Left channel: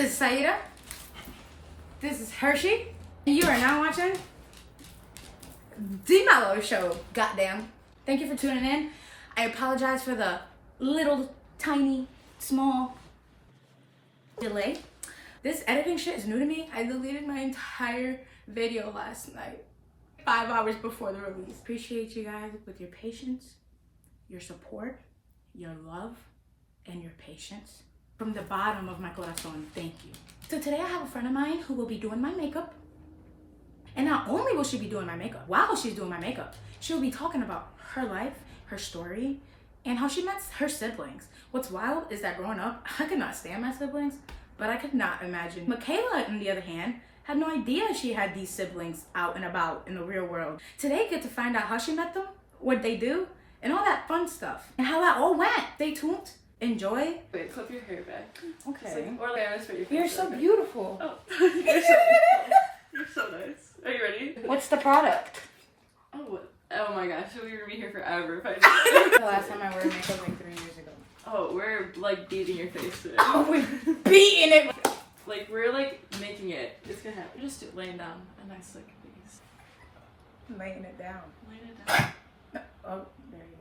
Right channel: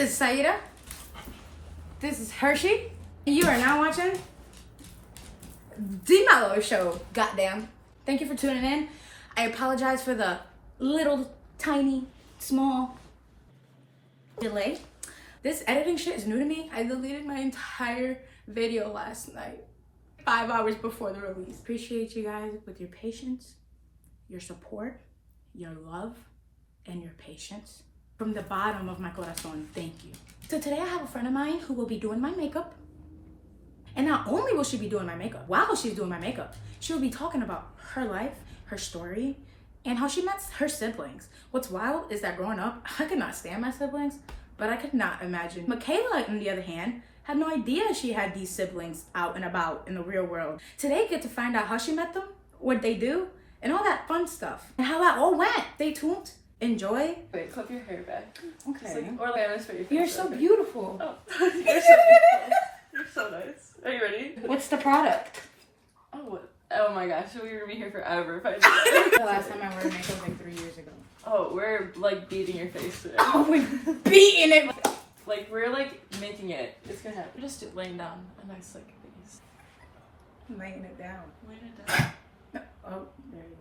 This is Saida. This is Hershey. You are now watching the Melo Show. Goddamn. Thank you for tuning in. I apologize for the little, tiny, small delay. This editing shit is new to me. I deleted my entire video last night, 5 hours before the release. Appreciate you guys with your patience, your support, your love, and your patience. From the bottom of my corazón, thank you. So today I have a friend of mine who will be doing my makeup. And not only will she be doing my makeup, while she's doing my makeup, she'll be talking about her life, her story, and how she met her siblings. What's wild is that growing up, I could not stand my siblings, but I could not imagine. Michaella, on the other hand, had no idea she had these siblings out and about in the real world. Today, get to find out how she met them, what they do, and all that fun stuff, and how that all went. Stay tuned. Enjoy. Wait, clip your hair back. Okay. Or like, for your face. You're so beautiful. Oh, you're so beautiful. You're so nice. Are you ready? What's the product? Oh my gosh, so we would be here forever if I did The last time I wore makeup like 3 years ago. Oh, we're like beating your face today. Oh, we're beating it. Like, we're like making it. It's gonna happen. You're just laying down a nice like face. Laying it down. Laying it down. Oh, there you go.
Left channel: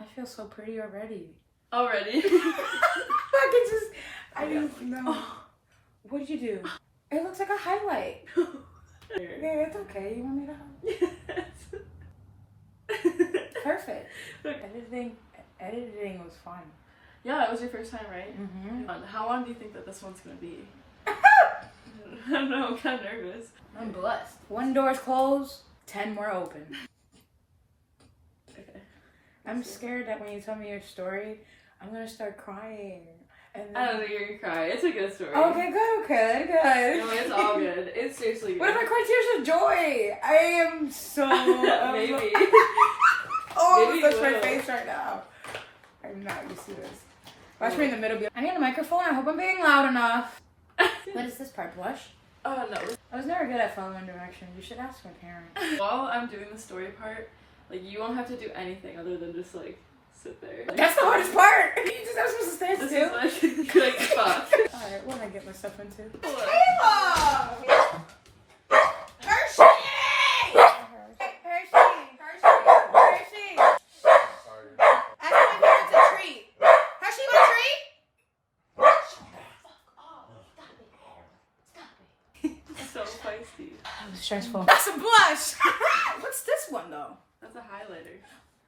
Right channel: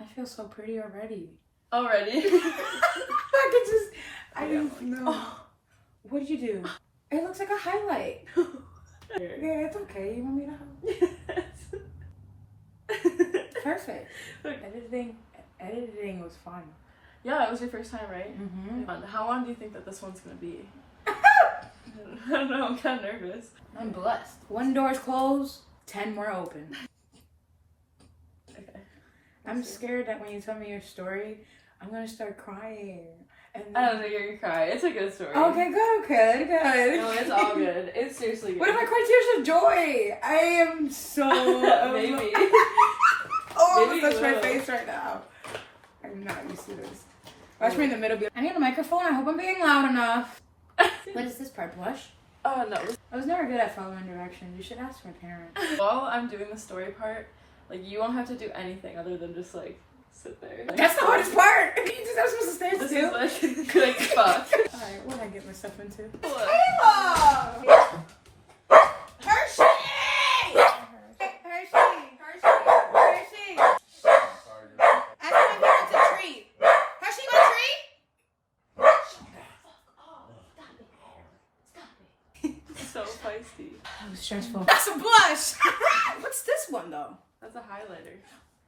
I feel so pretty already. Already? I didn't know. Oh. What did you do? It looks like a highlight. Yeah, it's okay. You want me to help? Yes. Perfect. Editing was fun. Yeah, it was your first time, right? Mm-hmm. How long do you think that this one's gonna be? I don't know, I'm kind of nervous. I'm blessed. 1 door's closed, 10 more open. Okay. I'm scared that when you tell me your story, I'm gonna start crying. And then... I don't think you're gonna cry. It's a good story. Okay, good. No, it's all good. It's seriously good. What if I cry tears of joy? I am so... Maybe. Oh, Maybe that's you my will. face right now. I'm not used to this. Watch me in the middle. I need a microphone. I hope I'm being loud enough. What is this part? Blush? Oh, no. I was never good at following directions. You should ask my parents. While I'm doing the story part, like, you won't have to do anything other than just, like, sit there. Like, That's the hardest part! You just have supposed to stand This still. is, like, good at spot. Alright, what did I get myself into? So feisty. That was stressful. That's a blush! What's this one though? That's a highlighter.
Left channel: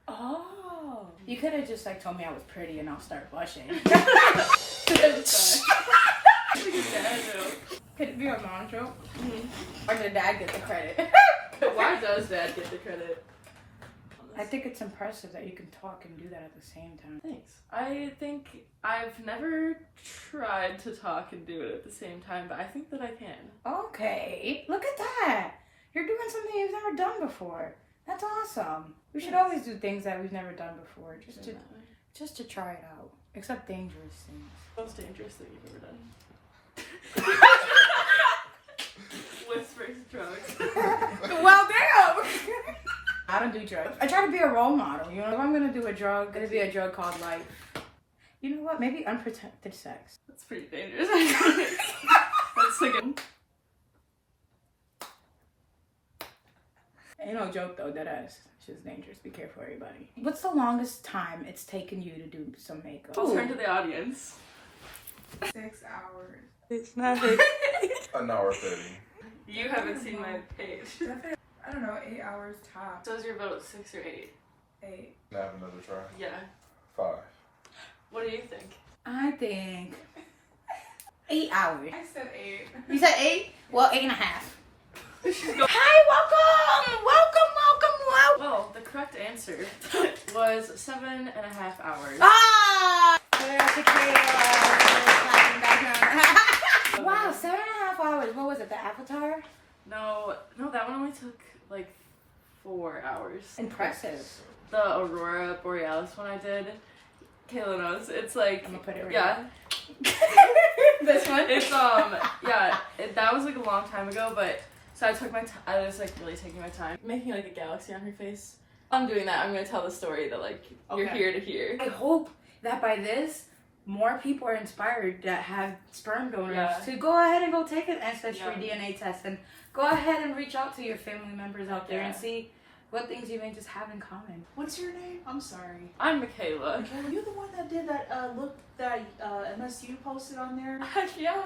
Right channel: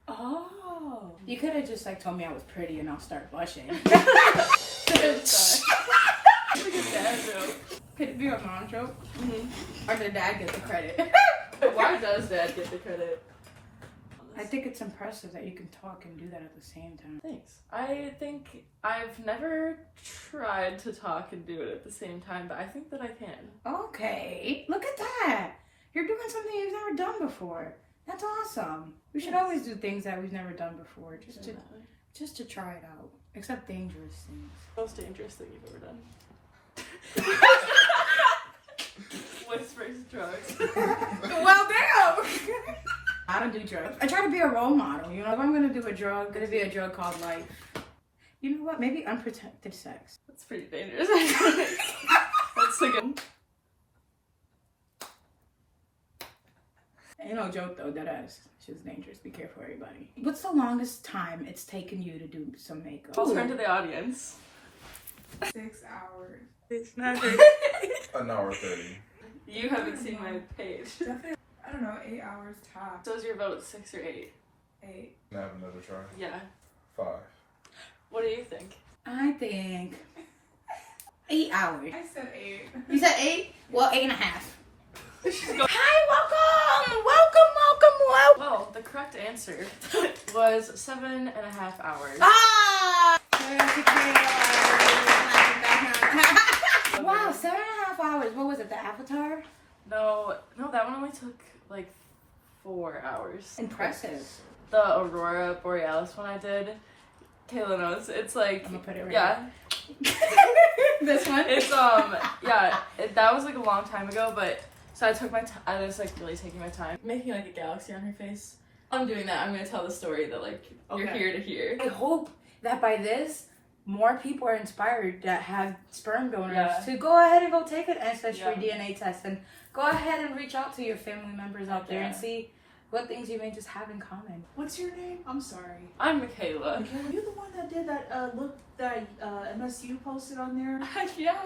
Oh. You could have just like told me I was pretty and I'll start blushing. It's like a dad joke. Could it be a mom joke? Mm-hmm. Or did dad get the credit? Why does dad get the credit? I think it's impressive that you can talk and do that at the same time. Thanks. I think I've never tried to talk and do it at the same time, but I think that I can. Okay, look at that. You're doing something you've never done before. That's awesome. We should always do things that we've never done before, just to try it out. Except dangerous things. Most dangerous thing you've ever done. Whispers drugs. Well, damn. I don't do drugs. I try to be a role model. You know, if I'm gonna do a drug, it's gonna be a drug called life. You know what? Maybe unprotected sex. That's pretty dangerous. That's like a... Ain't no joke though, that ass. It's just dangerous. Be careful, everybody. What's the longest time it's taken you to do some makeup? I'll turn to the audience. 6 hours. It's not. An hour 30. You haven't seen my page. I don't know, 8 hours top. So is your vote 6 or 8? 8. Can I have another try? Yeah. 5. What do you think? I think 8 hours. I said 8. You said 8? Well, 8.5. She's going. Hi, welcome! Well, the correct answer was 7.5 hours. Ah! Wow, 7.5 hours. What was it, the Avatar? No, that one only took like 4 hours. Impressive. The Aurora Borealis one I did, Kayla knows. It's like, I'm gonna put it right yeah. This one? It's that was like a long time ago, but so I took my time. I was like really taking my time, making like a galaxy on her face. I'm doing that. I'm gonna tell the story that like you're here to hear. I hope that by this, more people are inspired that have sperm donors Yeah. to go ahead and go take an ancestry Yeah. DNA test and go ahead and reach out to your family members out there and Yeah. see what things you may just have in common. What's your name? I'm sorry. I'm Michaela. Were you the one that did that look that MSU posted on there? Yeah.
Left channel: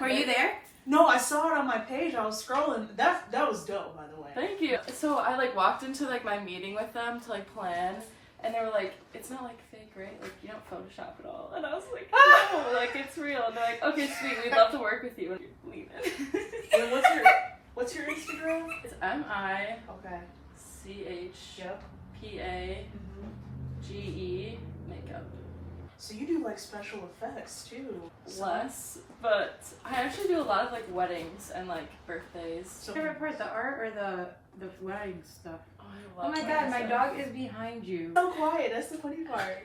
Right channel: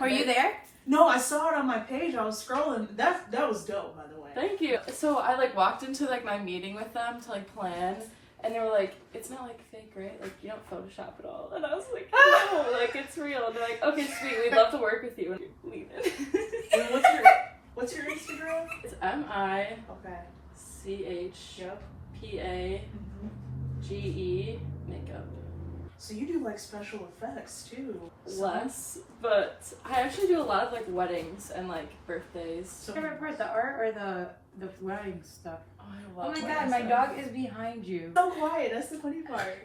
Were you there? No, I saw it on my page. I was scrolling. That was dope, by the way. Thank you. So I like walked into like my meeting with them to like plan, and they were like, "It's not like fake, right? Like you don't Photoshop at all." And I was like, "No, like it's real." And they're like, "Okay, sweet. We'd love to work with you." And leave it. Wait, what's your Instagram? It's MICHPAGE Okay. makeup. So you do like special effects too. Less, but I actually do a lot of like weddings and like birthdays. So, Favorite part, the art or the wedding stuff? Oh, I Oh love my wedding god, my stuff. dog is behind you. so quiet. That's the funny part.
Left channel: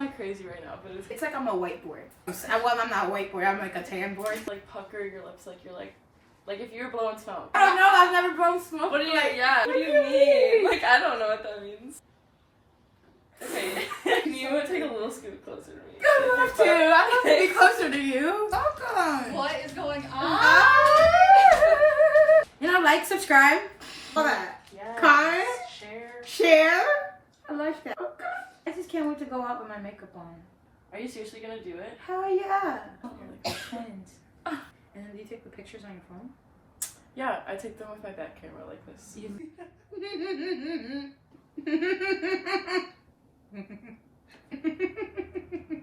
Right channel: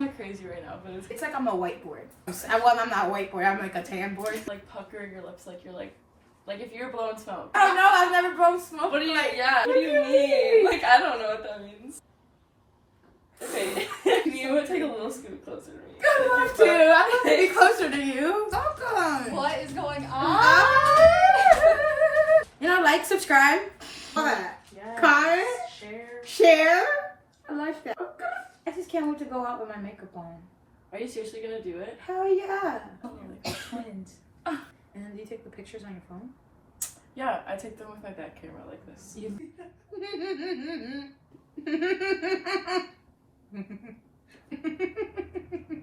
I'm crazy right now, but it's It's like I'm a whiteboard. I'm not a whiteboard, I'm like a tan board. like pucker your lips like you're like if you're blowing smoke. I don't know, I've never blown smoke. What do you like, yeah? What do you mean? Like I don't know what that means. Okay, you take a little scoot closer to me. I'd love to. I'd love to be closer to you. Welcome. What is going on? Ah. You know, like, subscribe, all that. Yeah. Comment, Share. share. I like that. I just can't wait to go out with my makeup on. Are you seriously gonna do it? Hell yeah. Oh, like twins. And then do you take the pictures on your phone? Yeah, I take them with my back camera like this.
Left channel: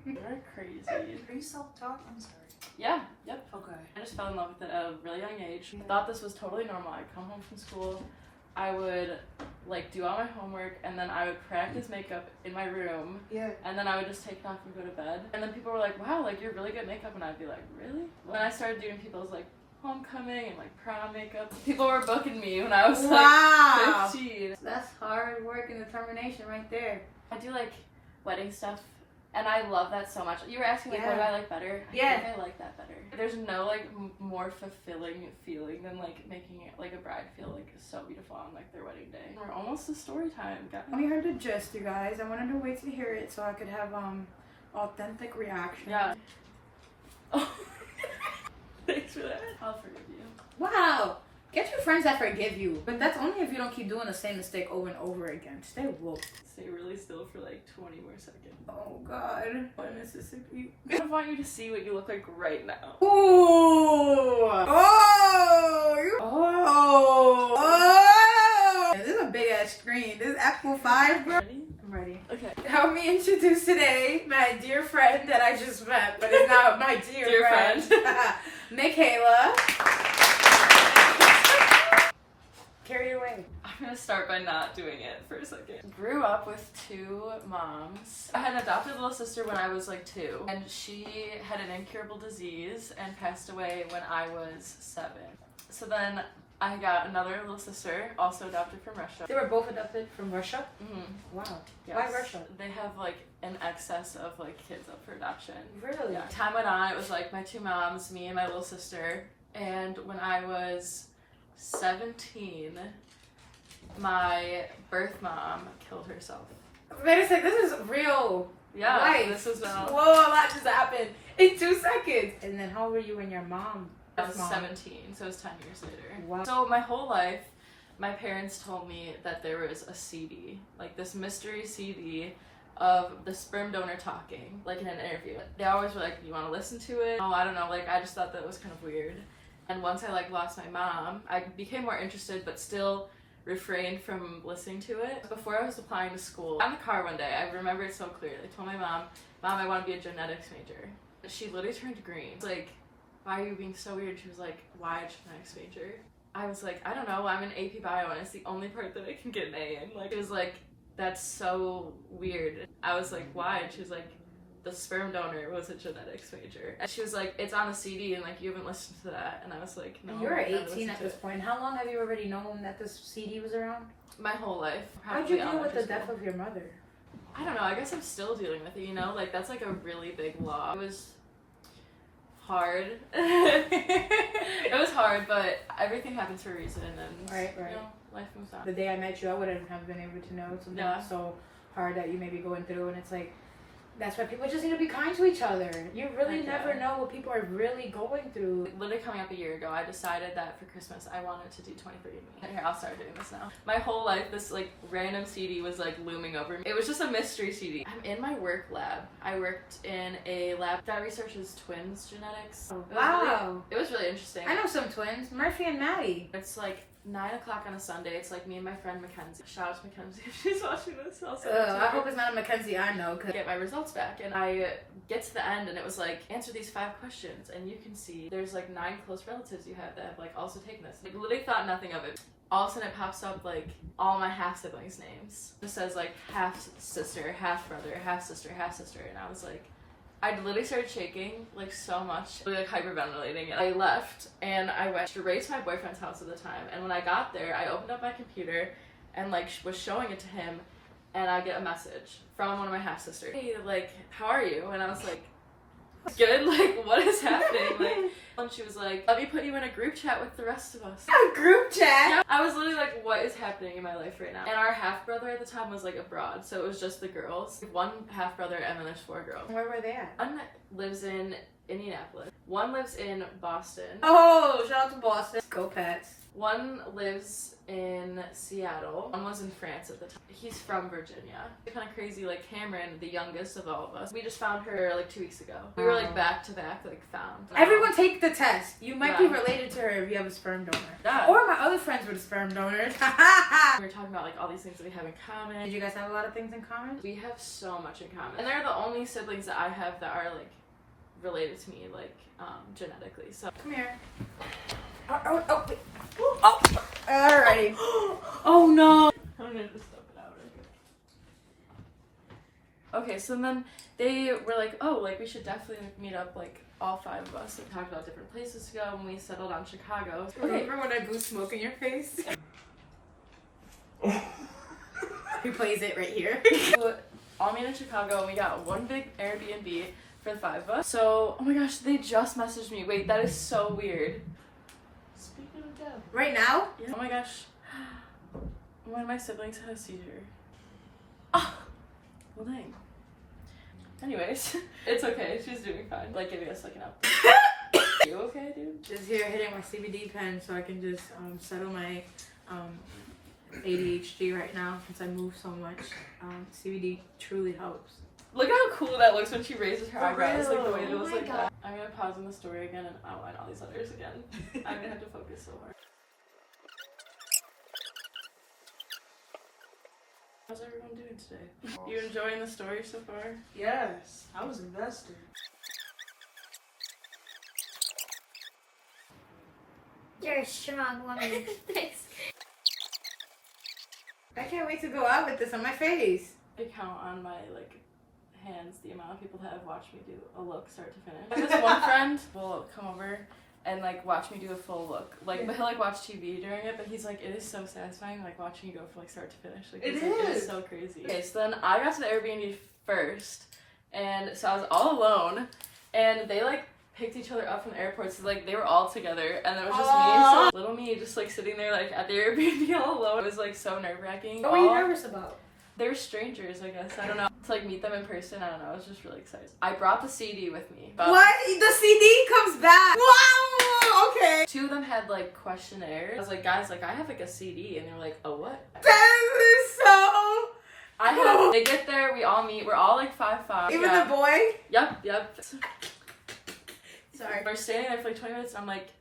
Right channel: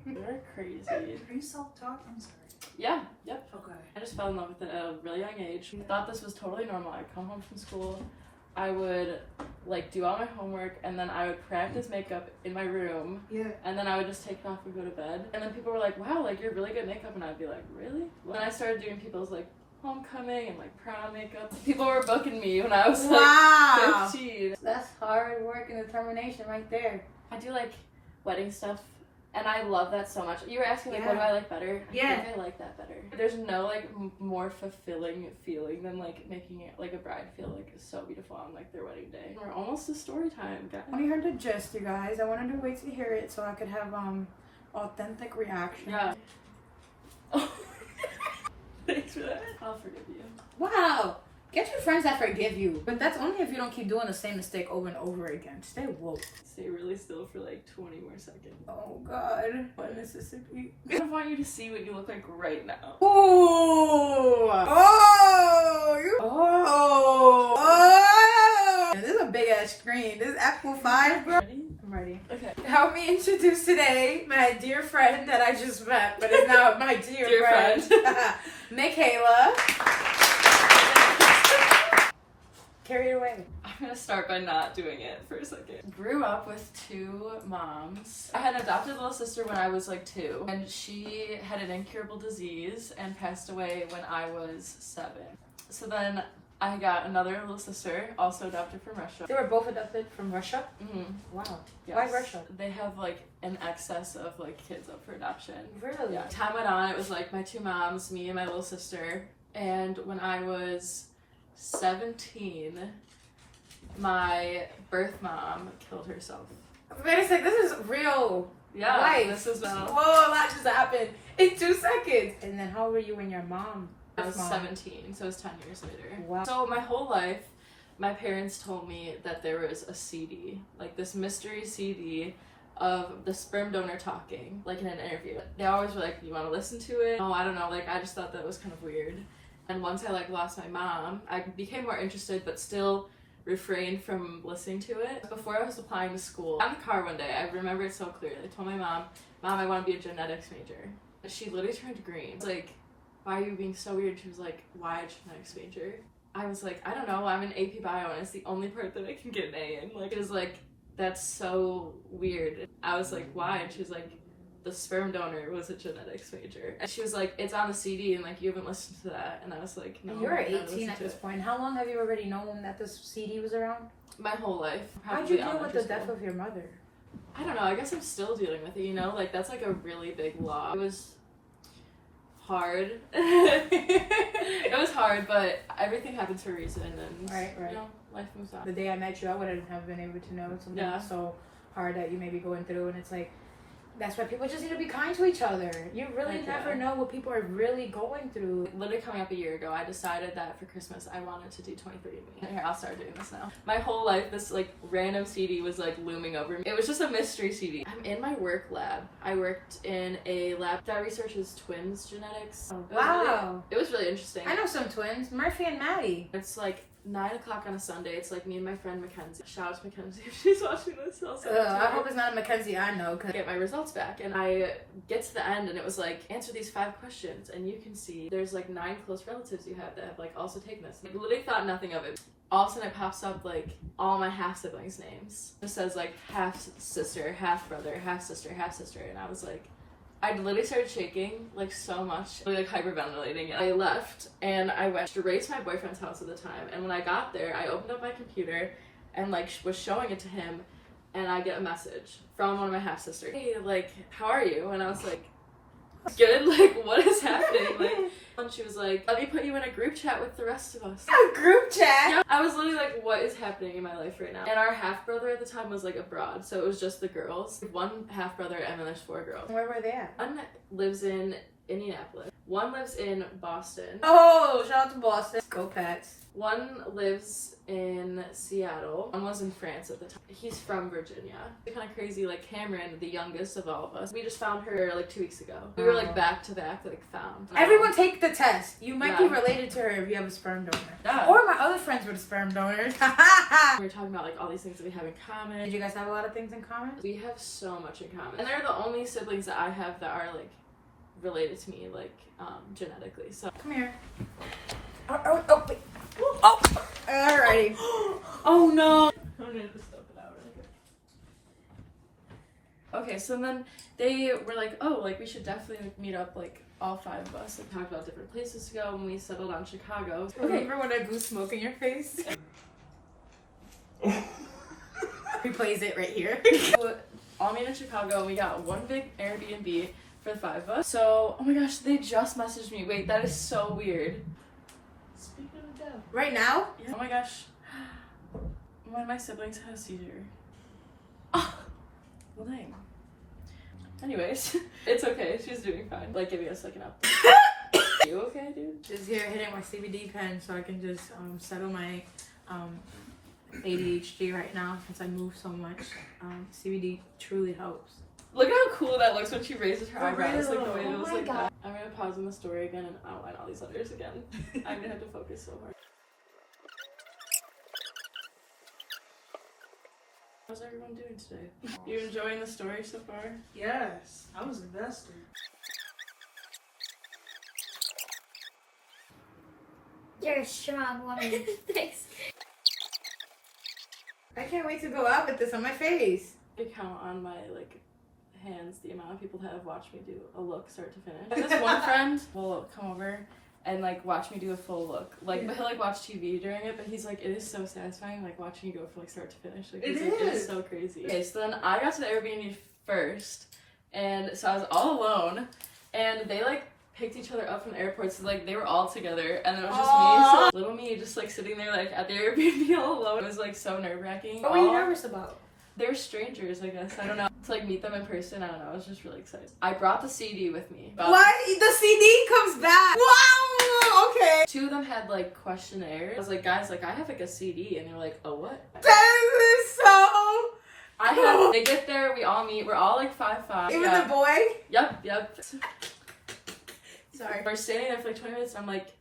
You're crazy. Are you self-taught? I'm sorry. Yeah, yep. Okay. I just fell in love with it at a really young age. Thought this was totally normal. I'd come home from school, I would like do all my homework, and then I would practice makeup in my room, Yeah. and then I would just take it off and go to bed. And then people were like, "Wow, like you're really good at makeup," and I'd be like, "Really?" When I started doing people's like homecoming and like prom makeup, people were booking me when I was Wow. like 15. That's hard work and determination right there. I do like wedding stuff, and I love that so much. You were asking like, what do I like better? I Yeah. think I like that better. There's no like more fulfilling feeling than like making it like a bride feel like so beautiful on like their wedding day. We're almost to story time, guys. When you heard the gist, you guys, I wanted to wait to hear it so I could have authentic reaction. Yeah. Oh. Thanks for that. I'll forgive you. Wow. Get your friends that forgive you. But that's only if you don't keep doing the same mistake over and over again. Stay woke. Stay really still for like 20 more seconds. Oh God. What Mississippi? I want you to see what you look like right now. Ooh. Oh. Oh. This is a big ass screen. This is Apple 5, bro. Ready? I'm ready. Okay. Help me introduce today my dear friend that I just met, but is now my dear, Dear friend. Michaella. Carry it away. I'm gonna start by not doing it for a second. Grew up with two moms. I had an adopted little sister when I was like 2, and she had an incurable disease and passed away when I was 7. So then I got another little sister, also adopted from Russia. They were both adopted from Russia? Mm-hmm. Wow. Yes. Why Russia? They have like an excess of like kids up for adoption. Really? Yeah. Time went on, it was like my 2 moms, me and my little sister. And when I was 17, my birth mom killed herself. Wait a second, this is real. Yeah, Life. this is Whoa, a lot just happened in 2 seconds. And then how old were you when your mom? I was mom? 17, so it was 10 years later. Wow. So my whole life, my parents told me that there was a CD, like this mystery CD of the sperm donor talking, like in an interview. They always were like, "You want to listen to it?" Oh, I don't know, like I just thought that was kind of weird. And once I like lost my mom, I became more interested, but still refrained from listening to it. Before I was applying to school, in the car one day, I remember it so clearly. I told my mom, I want to be a genetics major. And she literally turned green. It's like, "Why are you being so weird?" She was like, "Why a genetics major?" I was like, "I don't know, I'm in AP Bio and it's the only part that I can get an A in." Like, it was like, "That's so weird." I was like, "Why?" And she was like, "The sperm donor was a genetics major." And she was like, "It's on the CD and like you haven't listened to that." And I was like, "No." You're I haven't 18 listened at to this it." point. How long have you already known that this CD was around? My whole life. How'd you probably deal with elementary the death school. of your mother? I don't know, I guess I'm still dealing with it, you know? Like, that's like a really big loss. It was hard. It was hard, but everything happens for a reason, and Right. you know, life moves on. The day I met you, I wouldn't have been able to know something Yeah. so hard that you may be going through, and it's like, that's why people just need to be kind to each other. You really never know what people are really going through. Literally coming up a year ago, I decided that for Christmas I wanted to do 23andMe. Here, I'll start doing this now. My whole life, this like random CD was like looming over me. It was just a mystery CD. I'm in my work lab. I worked in a lab that researches twins genetics. Wow. It was really interesting. I know some twins, Murphy and Maddie. It's like 9 o'clock on a Sunday. It's like me and my friend Mackenzie. Shout out to Mackenzie if she's watching this. I hope it's not a Mackenzie I know. I get my results back, and I get to the end, and it was like, answer these 5 questions, and you can see there's like 9 close relatives you have that have like also taken this. I literally thought nothing of it. All of a sudden it pops up like all my half siblings' names. It says like half sister, half brother, half sister, and I was like, I literally started shaking like so much, like hyperventilating. I left and I went straight to my boyfriend's house at the time. And when I got there, I opened up my computer and like was showing it to him, and I get a message from one of my half sisters. Hey, like, how are you? And I was like, good. Like, what is happening? Like, and she was like, let me put you in a group chat with the rest of us. A group chat? Yeah, I was literally like, what is happening in my life right now? And our half brother at the time was like abroad, so it was just the girls. 1 half brother, and then there's 4 girls. Where were they at? One lives in Indianapolis. One lives in Boston. Oh, shout out to Boston. Go Pats. One lives in Seattle. One was in France at the time. He's from Virginia. Kind of crazy, like Cameron, the youngest of all of us. We just found her like 2 weeks ago. We were like back to back, like found. Everyone take the test. You might be related to her if you have a sperm donor. Yeah. Or my other friends were sperm donors. We were talking about like all these things that we have in common. Did you guys have a lot of things in common? We have so much in common. And they're the only siblings that I have that are like related to me, like genetically. So come here. Oh, alrighty. Oh no! I'm gonna just dump it out. Okay, so then they were like, oh, like we should definitely like, meet up, like all 5 of us, and talk about different places to go when we settled on Chicago. Remember when I blew smoke in your face? He plays it right here. All meet in Chicago, and we got one big Airbnb for the 5 of us. So, oh my gosh, they just messaged me. Wait, that is so weird. Right now? Yeah. Oh my gosh. One of my siblings had a seizure. Oh, well dang. Anyways, it's okay. She's doing fine. Like, giving us like an update. You okay, dude? Just here hitting my CBD pen so I can just settle my ADHD right now since I move so much. CBD truly helps. Look how cool that looks when she raises her eyebrows. Like the way it was like God. that. I'm gonna pause in the story again and outline all these letters again. I'm gonna have to focus so hard. How's everyone doing today? You enjoying the story so far? Yes, I was invested. You're a strong woman. Thanks. I can't wait to go out with this on my face. I count on my like hands the amount of people that have watched me do a look start to finish. This one friend will come over and like watch me do a full look. Like, but he'll like watch TV during it, but he's like, it is so satisfying like watching you go from like start to finish. Like, he's like, it is so crazy. Okay, so then I got to the Airbnb first, and so I was all alone, and they like picked each other up from the airport, so like they were all together, and it was just me, so little me just like sitting there like at the Airbnb all alone. It was like so nerve-wracking. What were you nervous about? They were strangers, I guess. I don't know. To like meet them in person, I don't know. I was just really excited. I brought the CD with me. What? The CD comes back. Wow. Okay. 2 of them had like questionnaires. I was like, guys, like I have like a CD, and they're like, oh what? That is so. They get there, we all meet. We're all like 5'5". Even the boy. Yep. Sorry. We're standing there for like 20 minutes, and I'm like,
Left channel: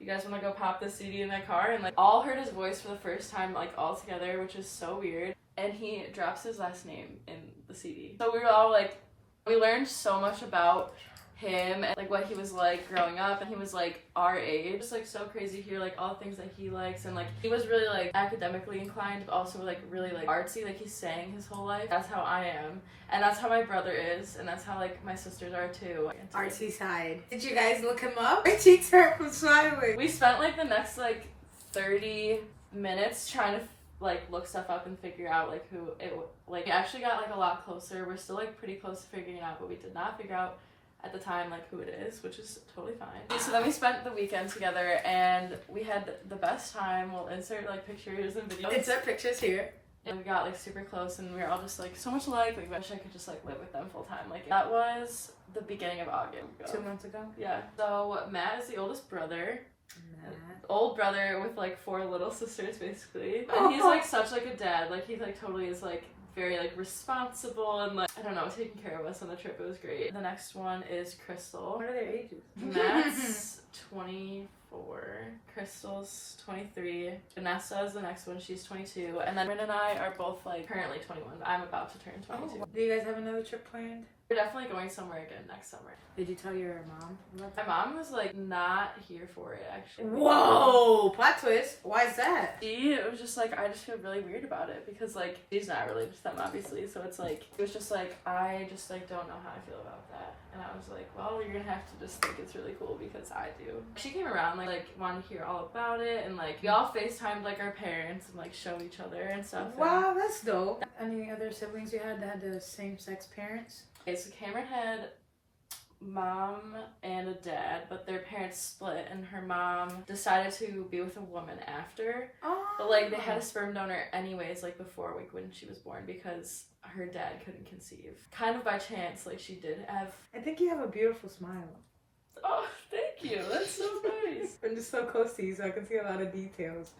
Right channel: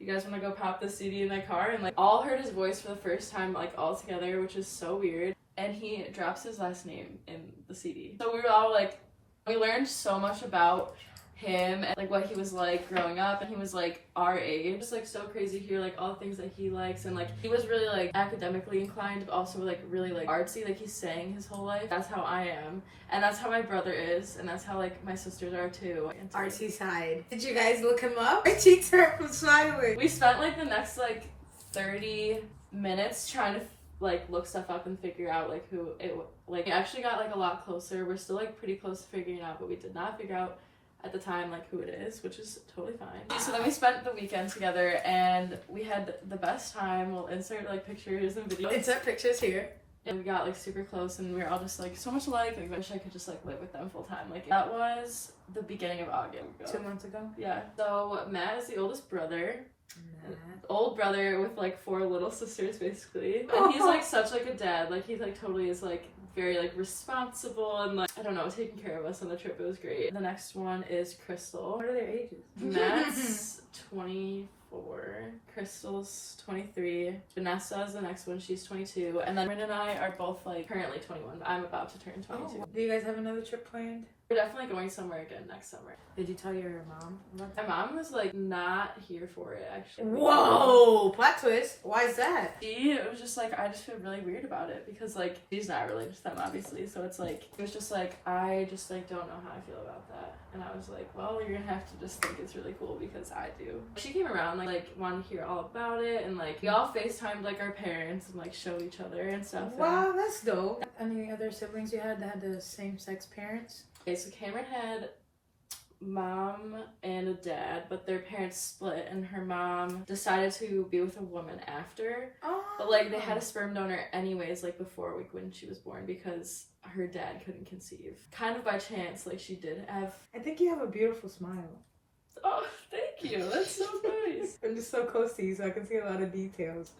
you guys want to go pop the CD in my car? And like all heard his voice for the first time, like all together, which is so weird. And he drops his last name in the CD. So we were all like, we learned so much about him and like what he was like growing up, and he was like our age. It's like so crazy to hear like all the things that he likes, and like he was really like academically inclined, but also like really like artsy. Like he sang his whole life. That's how I am, and that's how my brother is, and that's how like my sisters are too. Artsy side. Did you guys look him up? My cheeks hurt from smiling. We spent like the next like 30 minutes trying to like look stuff up and figure out like who it like. We actually got like a lot closer. We're still like pretty close to figuring it out, but we did not figure out at the time like who it is, which is totally fine. So then we spent the weekend together, and we had the best time. We'll insert like pictures and videos. Insert pictures here. And we got like super close and we were all just like so much alike. I wish I could just like live with them full time. Like that was the beginning of August. 2 months ago. Yeah. So Matt is the oldest brother. Matt. Old brother with like 4 little sisters basically. And he's like such like a dad. Like he's like totally is like very like responsible and like I don't know, taking care of us on the trip. It was great. The next one is Crystal. What are their ages? Matt's 24, Crystal's 23, Vanessa is the next one, she's 22, and then Rin and I are both like currently 21. I'm about to turn 22. Do you guys have another trip planned? We're definitely going somewhere again next summer. Did you tell your mom about My that? mom was like not here for it actually. Whoa! Plot twist. Why is that? She was just like, I just feel really weird about it because like she's not related to them obviously, so it's like it was just like I just like don't know how I feel about that, and I was like, well, you're gonna have to just think it's really cool because I do. She came around like wanted to hear all about it, and like we all FaceTimed like our parents and like showed each other and stuff. Wow, that's dope. Any other siblings you had that had the same sex parents? Okay, so Cameron had mom and a dad, but their parents split, and her mom decided to be with a woman after. Oh. But like they had a sperm donor anyways, like before like when she was born, because her dad couldn't conceive. Kind of by chance, like she did have. I think you have a beautiful smile. Oh, thank you. That's so nice. I'm just so close to you, so I can see a lot of details,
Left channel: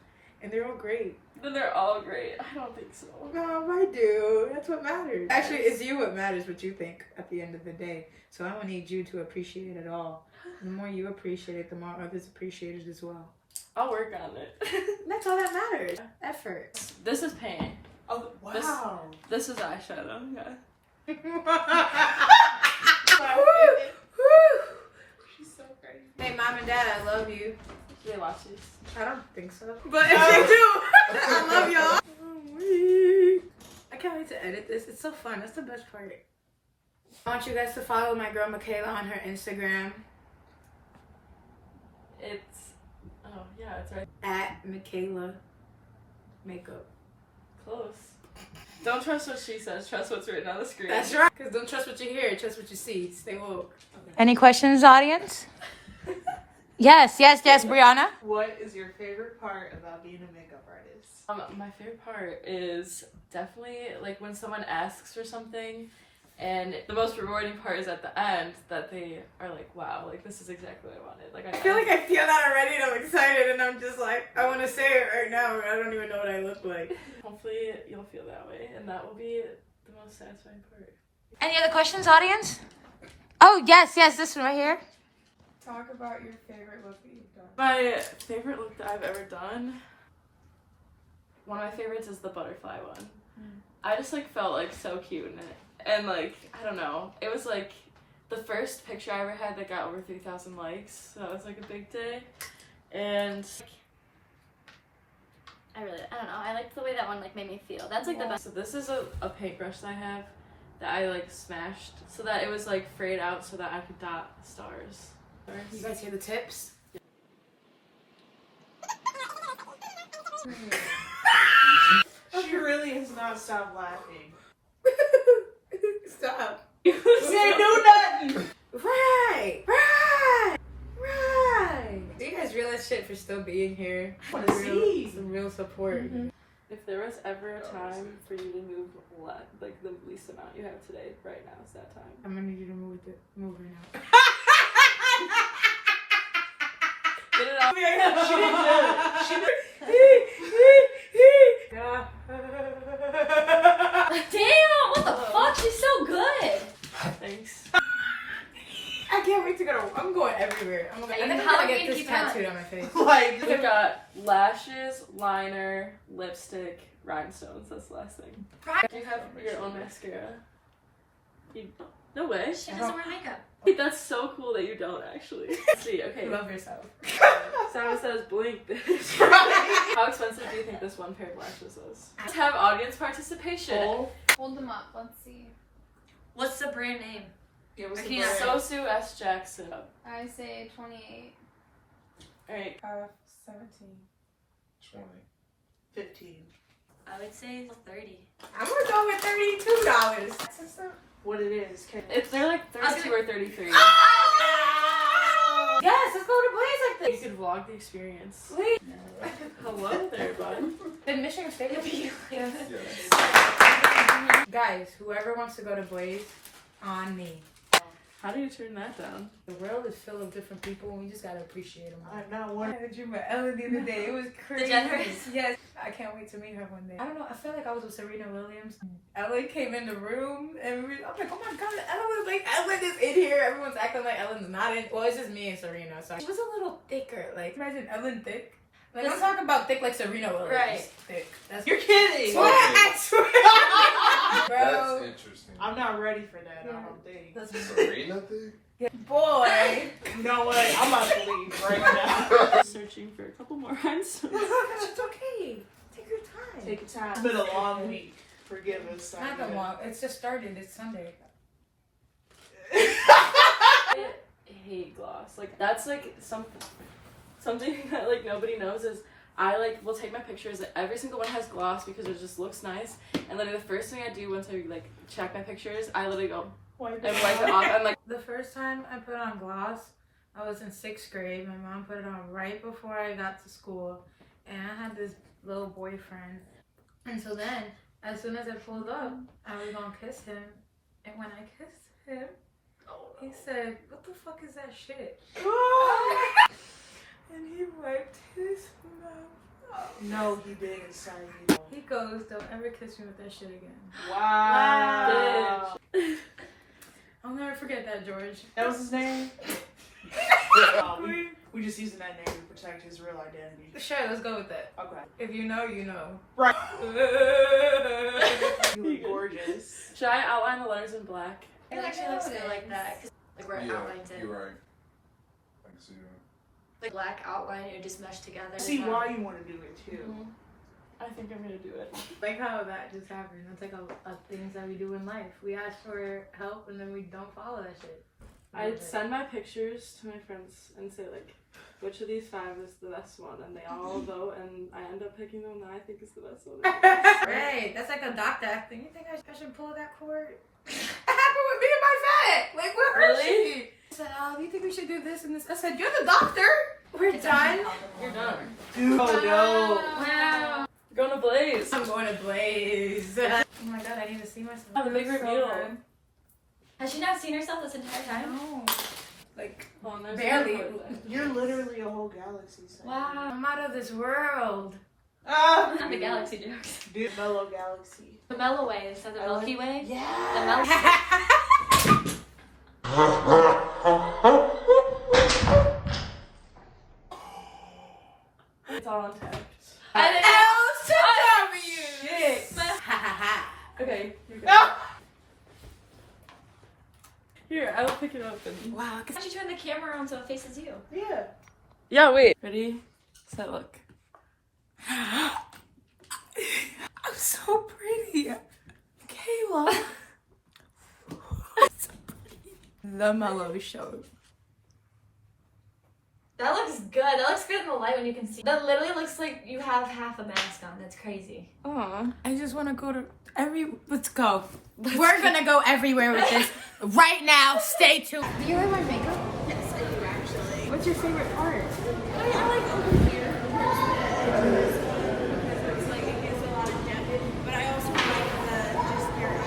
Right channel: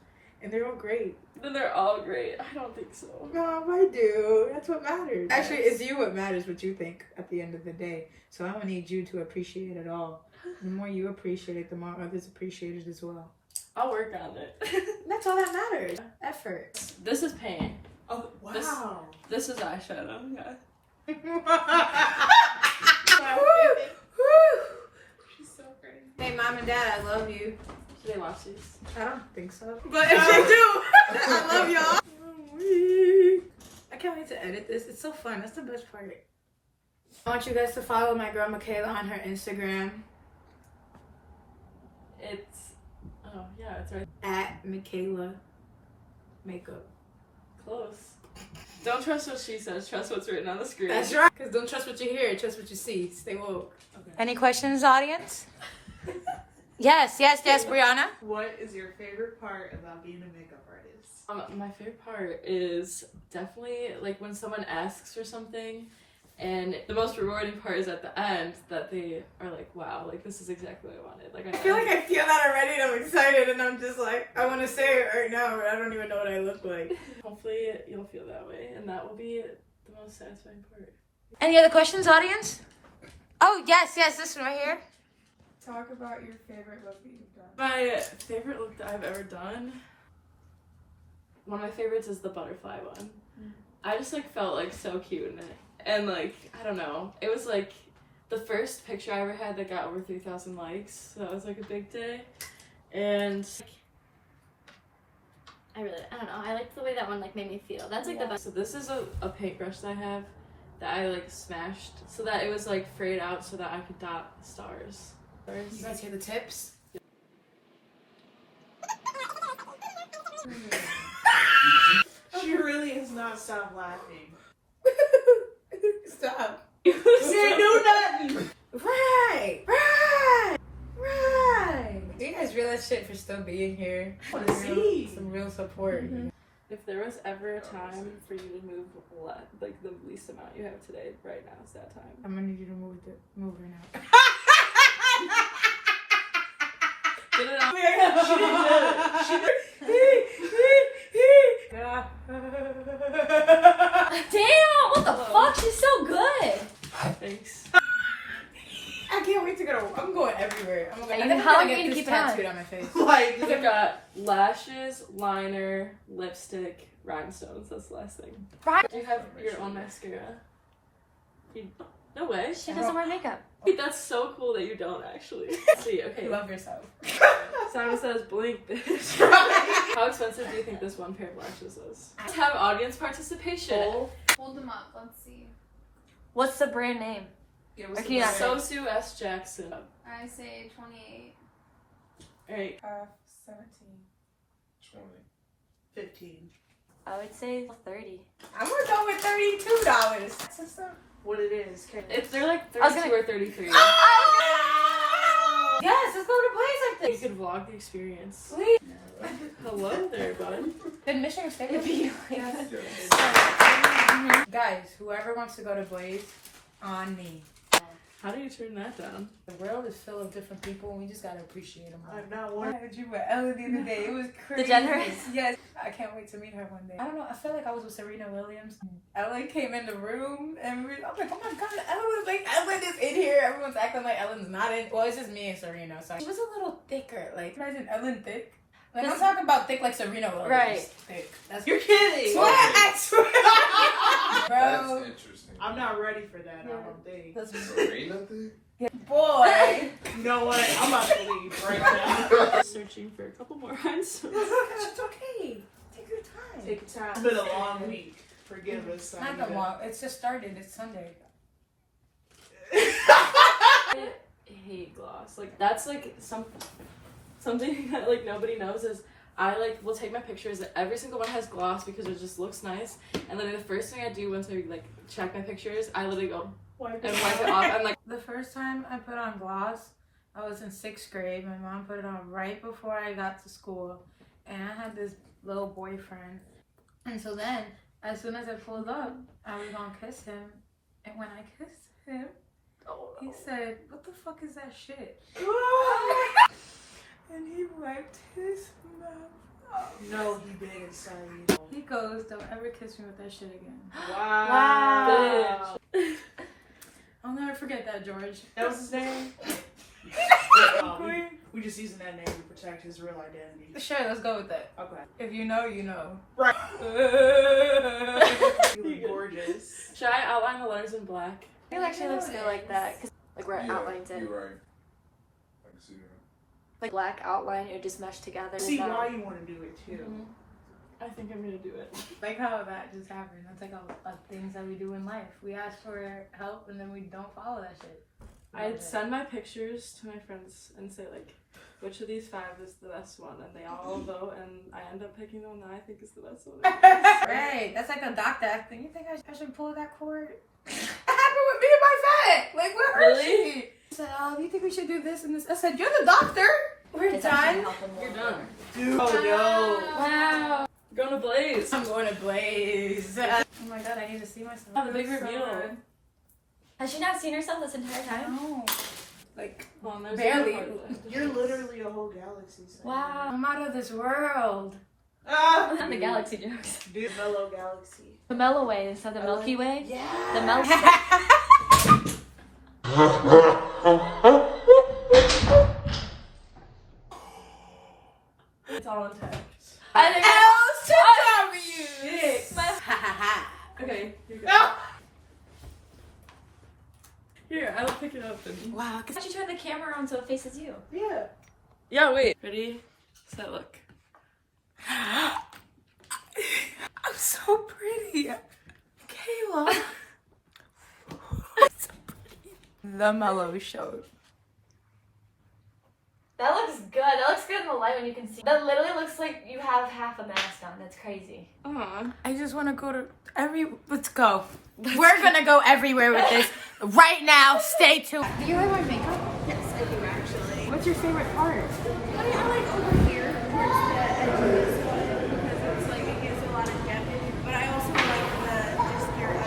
and they're all great. Then they're all great. I don't think so. I do. That's what matters. Actually, it's you what matters, what you think at the end of the day. So I don't need you to appreciate it all. The more you appreciate it, the more others appreciate it as well. I'll work on it. That's all that matters. Effort. This is paint. Oh, wow. This is eyeshadow. Yeah. She's so crazy. Hey, mom and dad, I love you. Do they watch these? I don't think so. But if they do, I love y'all. I can't wait to edit this. It's so fun. That's the best part. I want you guys to follow my girl Michaella on her Instagram It's. Oh, yeah, it's right. at Michaella Makeup. Close. Don't trust what she says, trust what's written on the screen. That's right. Because don't trust what you hear, trust what you see. Stay woke. Any questions, audience? Yes, Brianna. What is your favorite part about being a makeup artist? My favorite part is definitely like when someone asks for something, and the most rewarding part is at the end that they are like, wow, like this is exactly what I wanted. Like I feel like I feel that already and I'm excited and I'm just like, I want to say it right now, but I don't even know what I look like. Hopefully you'll feel that way, and that will be the most satisfying part. Any other questions, audience? Oh, yes, this one right here. Talk about your favorite look that you've done. My favorite look that I've ever done, one of my favorites is the butterfly one. I just like felt like so cute in it. And like, I don't know, it was like the first picture I ever had that got over 3,000 likes, so that was like a big day. And I don't know. I liked the way that one like made me feel. That's like the best. so this is a paintbrush that I have that I like smashed so that it was like frayed out so that I could dot stars. You guys hear the tips? She really has not stopped laughing. Stop. Say no nothing. Right. Do you guys realize shit for still being here? Some real support. If there was ever a time for you to move like the least amount you have today, right now is that time. I'm gonna need you to move her now. Get it out. Damn! What the fuck? She's so good. Thanks. I can't wait to go to. I'm going everywhere. I think I'm gonna get this tattooed on my face. Like, We got lashes, liner, lipstick, rhinestones. That's the last thing. Do you have your own mascara? No way. She doesn't wear makeup. That's so cool that you don't actually. See, okay. Love yourself. Someone says blink, bitch. How expensive do you think this one pair of lashes was? Let's have audience participation. Hold them up. Let's see. What's the brand name? it was Okay, Sosu S. Jackson. I say 28. Alright. 17, 20. 15. I would say 30. I'm gonna go with $32. What it is? They're like 32 or 33. Yes, let's go to Blaze like at this. You could vlog the experience. Please. Hello there, bud. Admission stay with you. Yes. Guys, whoever wants to go to Blaze, on me. How do you turn that down? The world is full of different people, and we just gotta appreciate them all. I'm not one. I had a dream with Ella the other day. It was crazy. Generous? Yes. I can't wait to meet her one day. I don't know. I feel like I was with Serena Williams. Ella came in the room, and I'm like, oh my god, Ella was like, Ellen is in here. Everyone's acting like Ellen's not in. Well, it's just me and Serena. So she was a little thicker. Like, imagine Ellen thick. Like, I'm talking about thick like Serena Williams. Right. Thick. That's You're kidding. Swear, I swear. That's Bro. interesting. I'm not ready for that. I don't think. Serena thing? Boy. You know what? I'm about to leave right now. Searching for a couple more rhymes. It's okay. Take your time. Take your time. It's been a long week. Forgive us. Not that long. It's just started. It's Sunday. I hate gloss. Like that's like something that like nobody knows is I like will take my pictures. Every single one has gloss because it just looks nice. And literally the first thing I do once I like check my pictures, I literally go and wipe it off. I'm like, The first time I put on gloss, I was in 6th grade. My mom put it on right before I got to school. And I had this little boyfriend. And so then, as soon as I pulled up, I was gonna kiss him. And when I kissed him, he said, "What the fuck is that shit?" And he wiped his mouth. No, he didn't, son. He goes, "Don't ever kiss me with that shit again." Wow. I'll never forget that, George. That was his name? We just using that name to protect his real identity. Sure, let's go with that. Okay. If you know, you know. Right. You look gorgeous. should I outline the letters in black? It actually looks good like that. 'Cause, like we're Yeah, outlining it. you're right. I can see that. Like black outline, you just mesh together. See why you want to do it too. Mhm. I think I'm gonna do it. Like how that just happened. That's like a things that we do in life. We ask for help and then we don't follow that shit. I'd send my pictures to my friends and say like, which of these 5 is the best one, and they all vote, and I end up picking the one that I think is the best one. Right, that's like a doctor acting. You think I should pull that cord? It happened with me and my vet. Like, where Really? is she? She said, do you think we should do this and this? I said, you're the doctor. We're done. You're done. Dude, oh no. Wow. Going to Blaze. I'm going to Blaze. Oh my god, I need to see myself. Have a big So reveal. good. Has she not seen herself this entire I time? know. Like, Oh, there's Barely. another one. You're literally a whole galaxy. son. Wow. I'm out of this world. Ah. Not the galaxy jokes. Dude, fellow galaxy. The Melo Way instead of the Milky Way. The Yeah. Melo. It's all intact. I didn't Okay, here we go. Here, I will pick it up and... Wow. Why don't you turn the camera on so it faces you? Yeah. Yeah, wait. Ready? Set, look. I'm so pretty. Kayla. So pretty. The Mellow Show. That looks good. That looks good in the light when you can see. That literally looks like you have half a mask on. That's crazy. Aww. I just want to go to let's go. We're going to go everywhere with this right now. Stay tuned. Do you like my makeup? Yes, I do actually. What's your favorite part? I like over here, towards the edges, because it's like it gives a lot of depth. But I also like the just your other eye.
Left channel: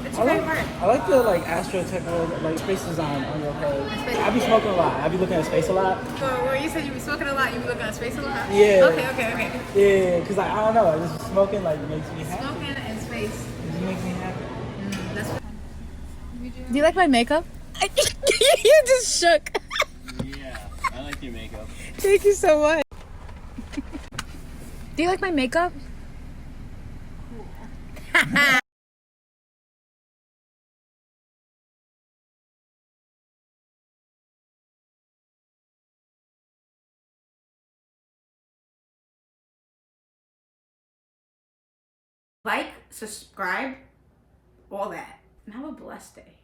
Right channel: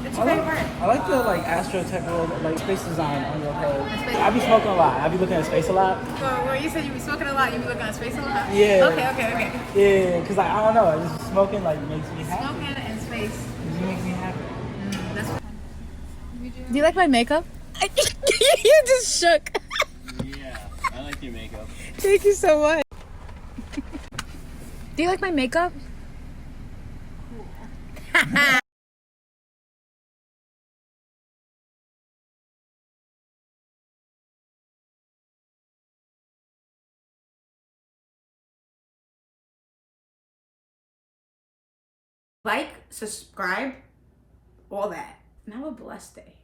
What's your favorite part? I like the like astrotechnical like space design on your head. I be smoking a lot. I be looking at space a lot. So, well, you said you be smoking a lot. You be looking at space a lot? Yeah. Okay. Yeah, cause like I don't know, just smoking like makes me happy. Smoking and space. It makes me happy. Do you like my makeup? You just shook. Yeah, I like your makeup. Thank you so much. Do you like my makeup? Like, subscribe, all that. And have a blessed day.